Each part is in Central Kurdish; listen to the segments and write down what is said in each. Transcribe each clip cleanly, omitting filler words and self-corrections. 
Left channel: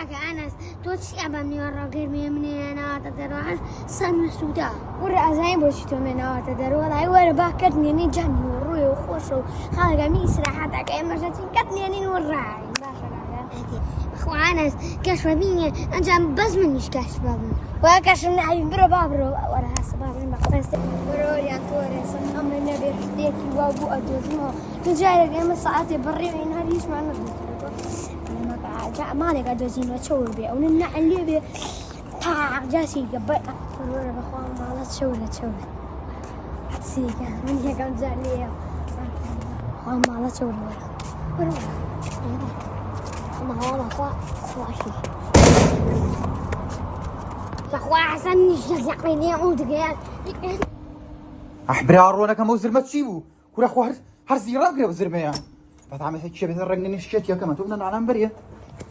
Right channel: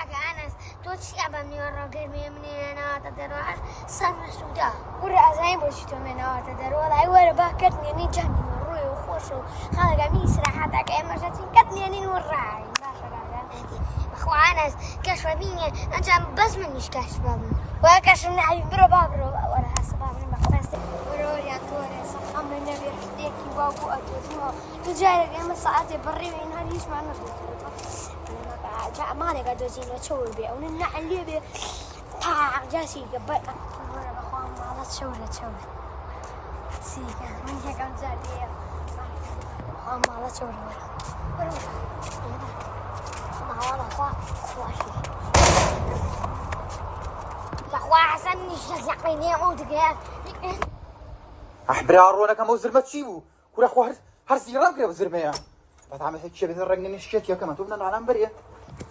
كاكا أنس توتشي أبا من الراجل من أنا تدرع سن السوداء ورا زين بوشتو من تدرع والله ورا باكرني ني جاني وروي وخوشو خالق ميس راحتك أي مرتين كتني أني وراي ما شاء الله أخو أنس كشف بيني أنت بس منيش كشف بابا وكشف من عيب برا بابرو ورا هالسباب ما خفست ورا يا توري صح من نبي حديكي وابو أدوزنها نجاي لقيم الساعات بري من هريش ما نبي أنا ما جاء مالك أدوزين وتشور بي وننع اللي بي طاق جاسي قبل ورا بخوان ما لا تشور سيكا من هيك كم زعلية ما لا تشور ورا ما هو أنا خواشي يا أخو حسن نجزقني يعود قال أحبر أرونا موزر ما تشيبو ولا أخو هرزي رابي وزر بيان بتعمل هيك شيء بنرجع نشكت يا كمان تقولنا معنا مبرية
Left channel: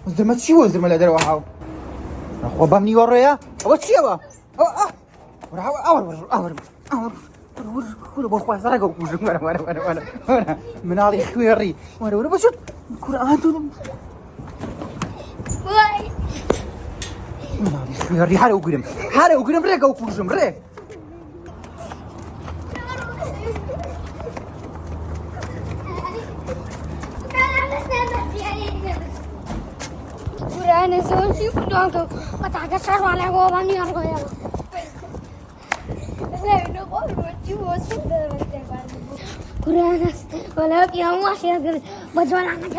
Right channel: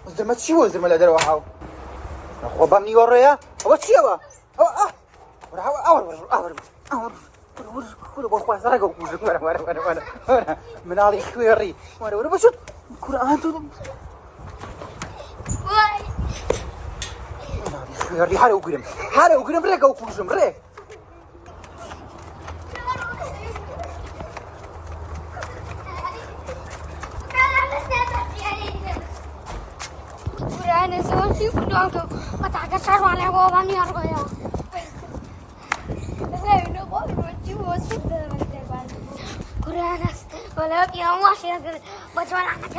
وزر ما تشيبو وزر ما لا دروا معه وبني ورايا وتشيبا من هذا شو يري ولا بس القرآن واي شو يري حاله وقرم رجع وفوزم رجع أنا سوون شيء كنتو وتعجب شر على قوامي أرجع لا نقول وتجوا كرانس ولا بيوم واحد بجوان عنك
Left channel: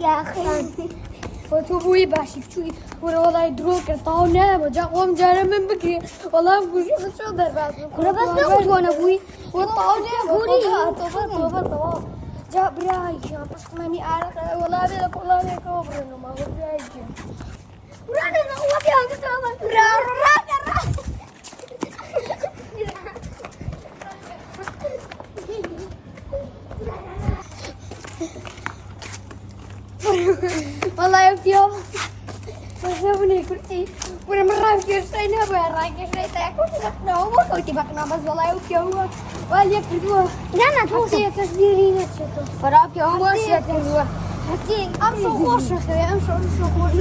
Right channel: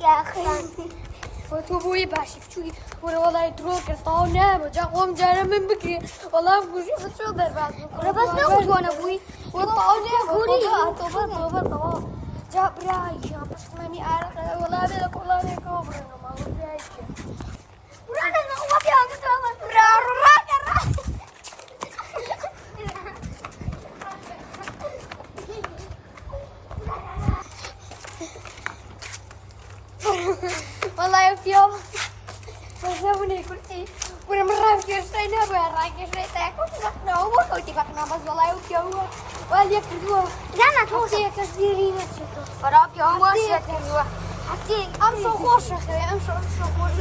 يا أخي وتبوي باشي شوي والله يدروك طاونا وجا قوم جانا من بكي والله بوشي شو ضربات كره بس نقول وانا ابوي والطاونا قولي طوف جا براي بس ماني عارف والله هذا والله لك وبرنا ما هو براي برانا ما هو بيوم تمام برا والله يوم وزبني كل شيء وانا مرة كيرسينا برا كيرسينا كنا هو كنت بقنا بس والله يوم والله يكذبوا لا توصي تسديرين تشوفوا فراك يوم واشياء كذوا حتى امشي خوش اخي امشي خوش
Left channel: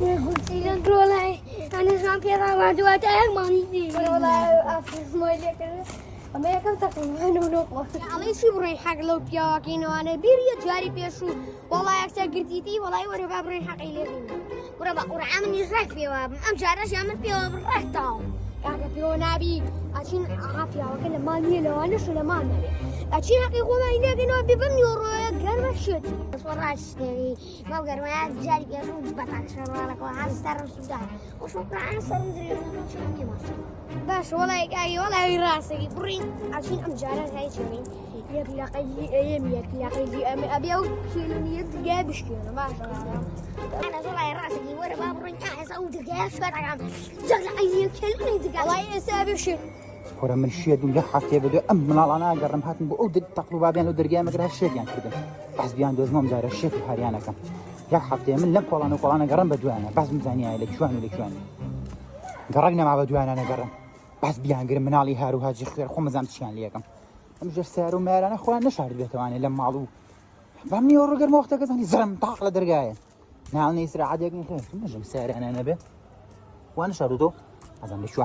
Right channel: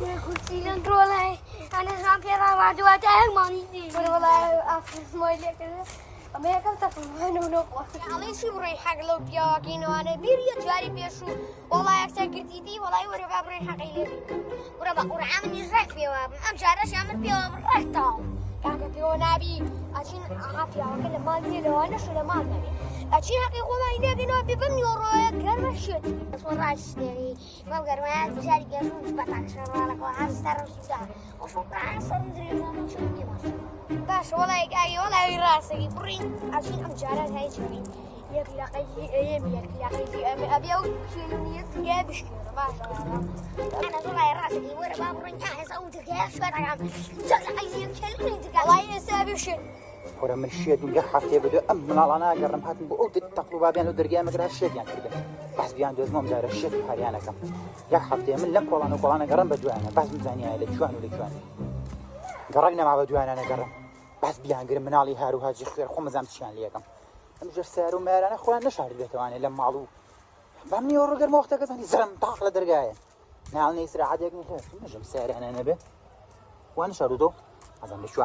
يا قلتي لك والله انا زمان بيضا ما دوات ماني والله افز مايلي كذا أما يا كم تفهم أنا ونقوى على شو بري حق لو بياكين وأنا بيريا جاري بيشو والله أكثر قرتيتي والله ورا بابري حق يلي ورا ورا عامل يزرع بيواب أم جارش عامل بيواب رحتاو كاكا بيو نبي عشان عافية وكل ما نيلو أنا شو لما نبي عشان حقيقة ما ينادي نبي بني ورايا قرر شد وراش يعني ما بقرر جاري بيشو بتاعك شرالك وعايز ترى السودان وشكرا عن صندري ما شو باش والله كاي والله راسي بري عشان أم جارات هاي شوي يبي أبي أو كيلوني يبي بشكيلو ما شاء الله أنا والله راسي ورا بابري أنا سويت دقيقة شو أنا جل أي كيلوني دقيقة والله يسابي شيء ورا من الشيء اللي حتى بدأ أمن الله أنا لكن حتى بقول تكتب بعدين ودرجة مثل هالشيء يعني كذا إزبيان دوزهم دار الشيء حريانا كذا يا حتى من لفة ومن أنا قرن بدوان قسم زاني على شو من ذي فرقنا مع بدوان أنا قرن بس بيان قرن من علي هارو هاجر خير خم زانت شان ليكم وجر سعر ومال أنا إخوان نشهر بيته أنا لما معلوم فهمني ورا قرن وقتها كذا زلم طاق لدرجة نعم يسرع عاد يقول لكم نجم سعر أنا نبي وأنا شردو زين شو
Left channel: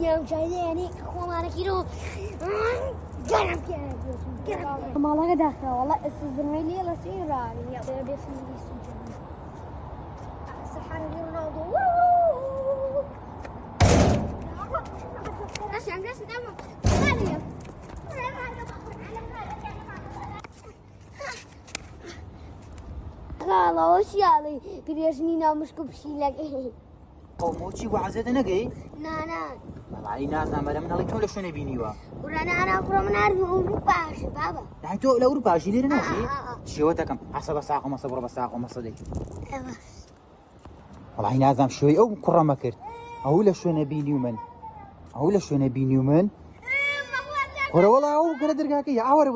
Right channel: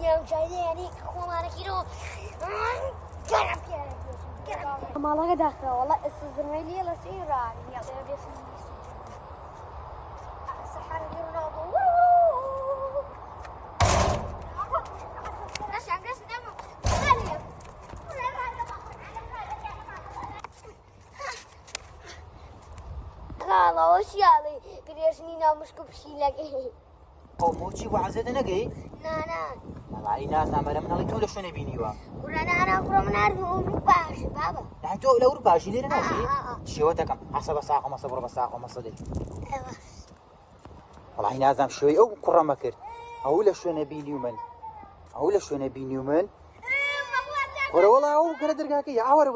يوم جاي يعني أخوان كيلو جرب يا جرب ما الله داخل والله الزميلي لا سير يعني يا بيسمي سوتي سحر رونالدو عشان الناس دائما غالية خلاص وش يعني قريشني نامش كبشي لك موتشي وعزت أنا جاي نانا والله ناس نعمل من الله تقول شو نبيني وا أنا أقرأ من عارف باش بابا نحن تو لو ربع شيء لنا شيء شوتكم حسب الساعة وما صبر الساعة وما صدق والله نازم شوي أو كرة ما كرت أقول شو نبيني ومن أقول شو نبيني ومن والله أو قدر قاكي أور